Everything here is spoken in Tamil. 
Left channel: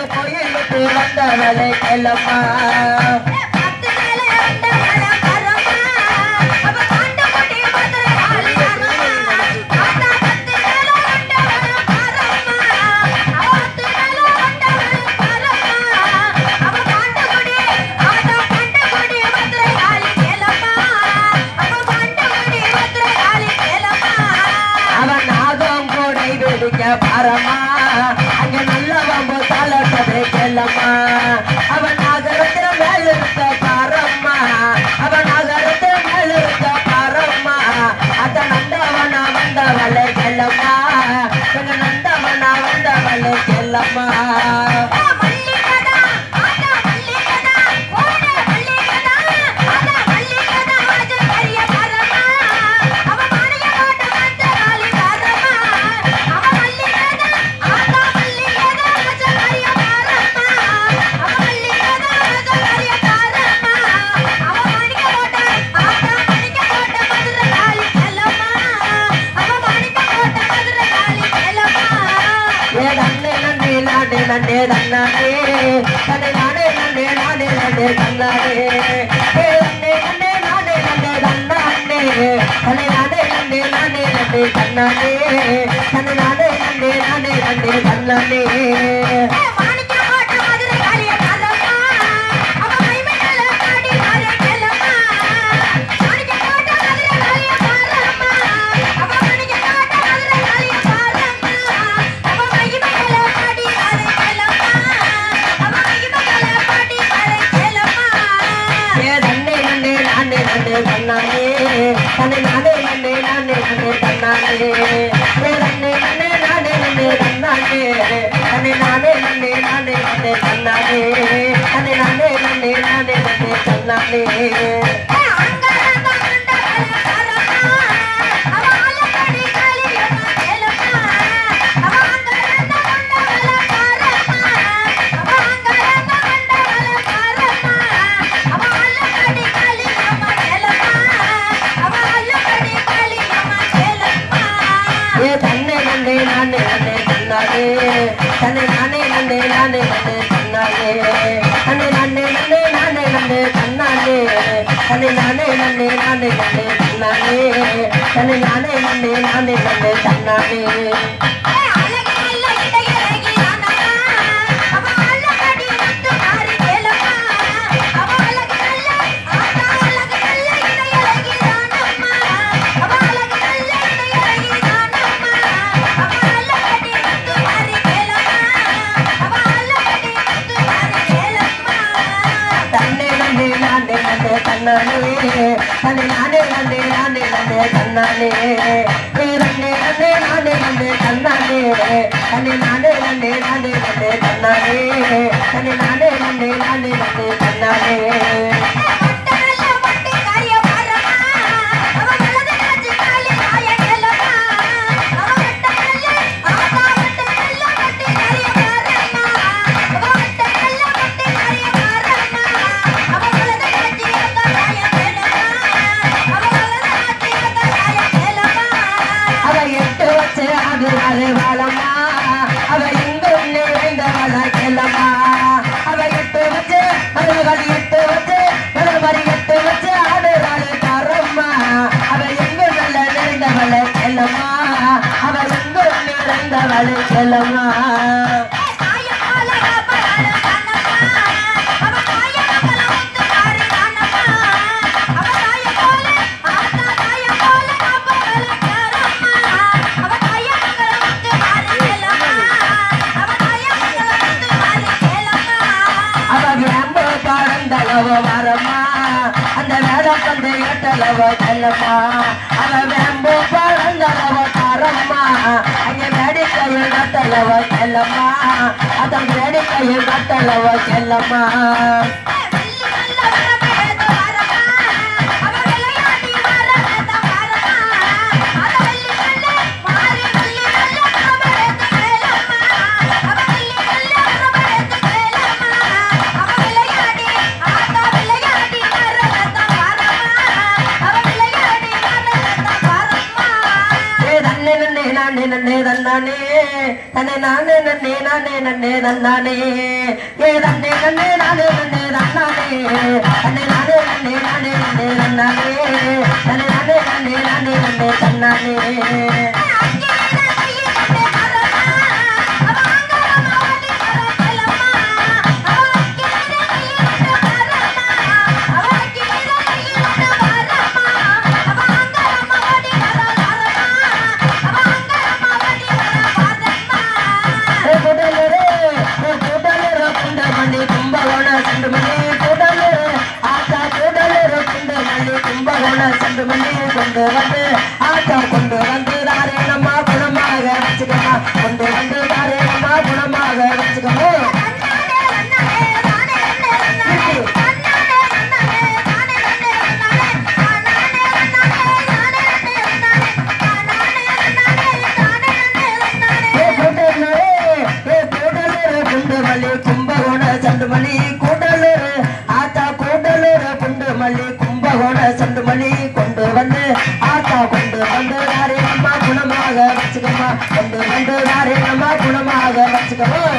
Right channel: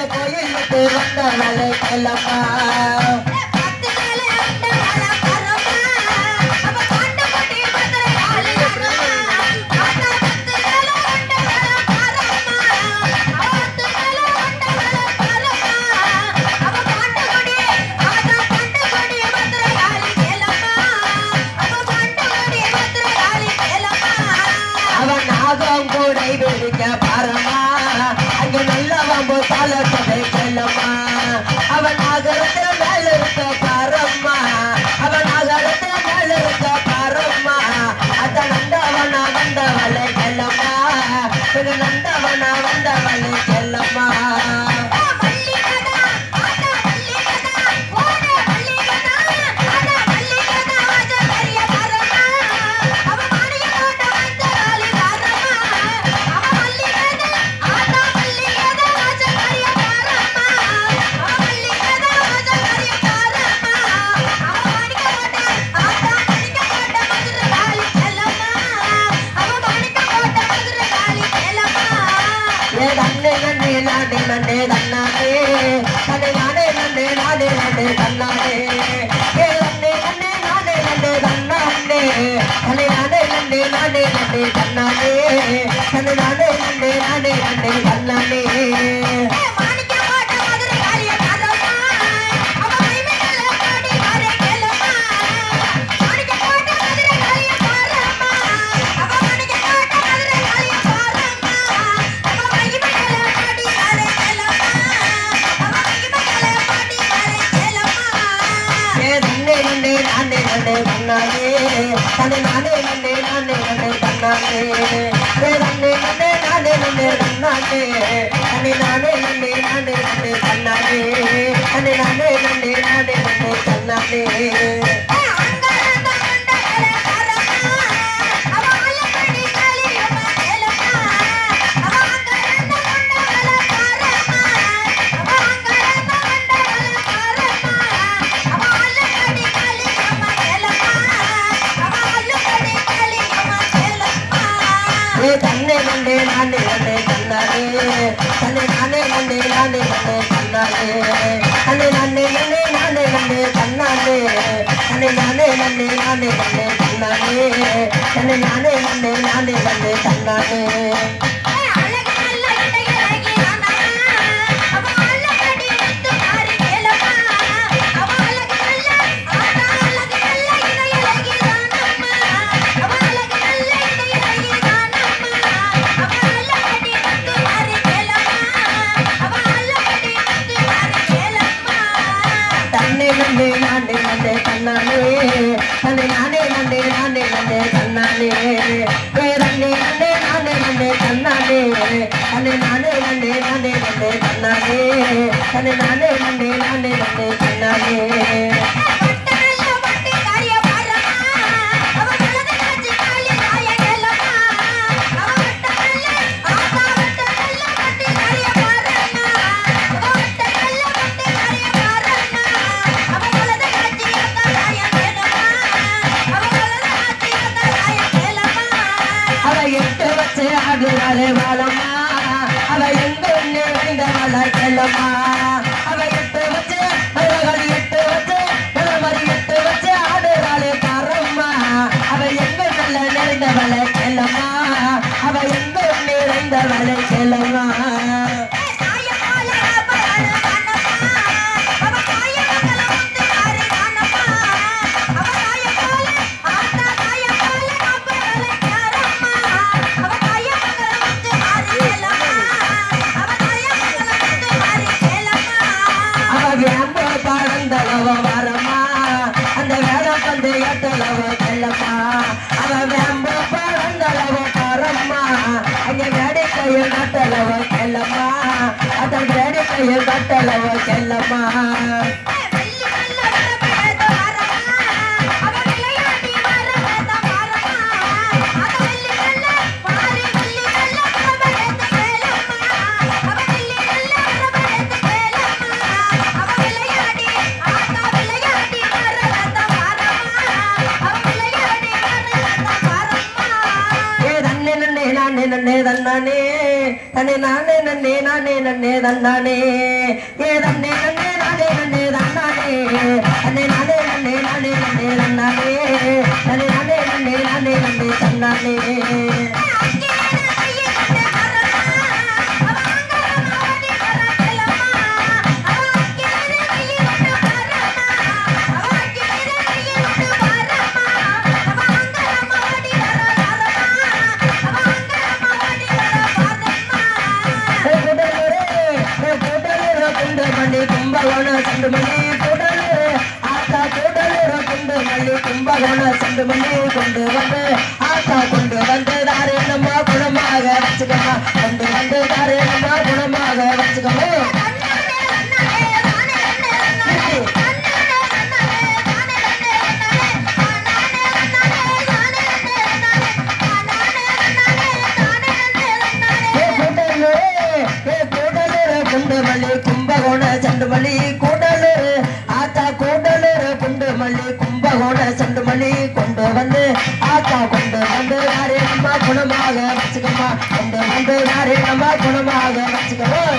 அந்த கோயிலுக்கு வந்தவளை செல்லம்மா பாரம்மா அங்கே நல்லவம்பு தலப்பதை செல்லம்மா அவன் நகரத்துல மேல இருக்க பாரம்மா அவன் நகரத்துல மேல இருக்க பாரம்மா அத நந்தவனா வந்தவளை செல்லம்மா நந்தவனா வந்தவளை செல்லம்மா நண்டே தன்னாடே தன்னை நானே நண்டே நானே நண்டே தன்னாடே நண்டே நண்டே நானே நண்டே தன்னாடே தன்னை நானே நண்டே நானே நண்டே தன்னாடே தன்னை நானே நண்டே நானே நண்டே தன்னாடே தன்னை நானே நன்னே நானே நன்னே தந்தானே ஏ தன்னே நன்னே நானே நன்னே தந்தானே தன்னை நானே நன்னே நானே நன்னே தந்தானே தன்னை நானே நன்னே நானே நன்னே தந்தானே கொண்டு வந்து ஆத்தா கொண்டு வந்து தாரேனம்மா குணமாக வச்சுக்கம்மா கொண்டு வந்து தாரேனம்மா குணமாக வச்சுக்கம்மா குண்டுமல்லி கும்பகோண செண்டுமல்லி கூடலூர் ஆத்தா கூடலூர் குண்டுமல்லி கும்பகோண செண்டுமல்லி கொண்டு வந்து ஆத்தா கொண்டு வந்து தாரேனம்மா குணமாக வச்சுக்கம்மா கொண்டு வந்து தாரேனம்மா குணமாக வச்சுக்கம்மா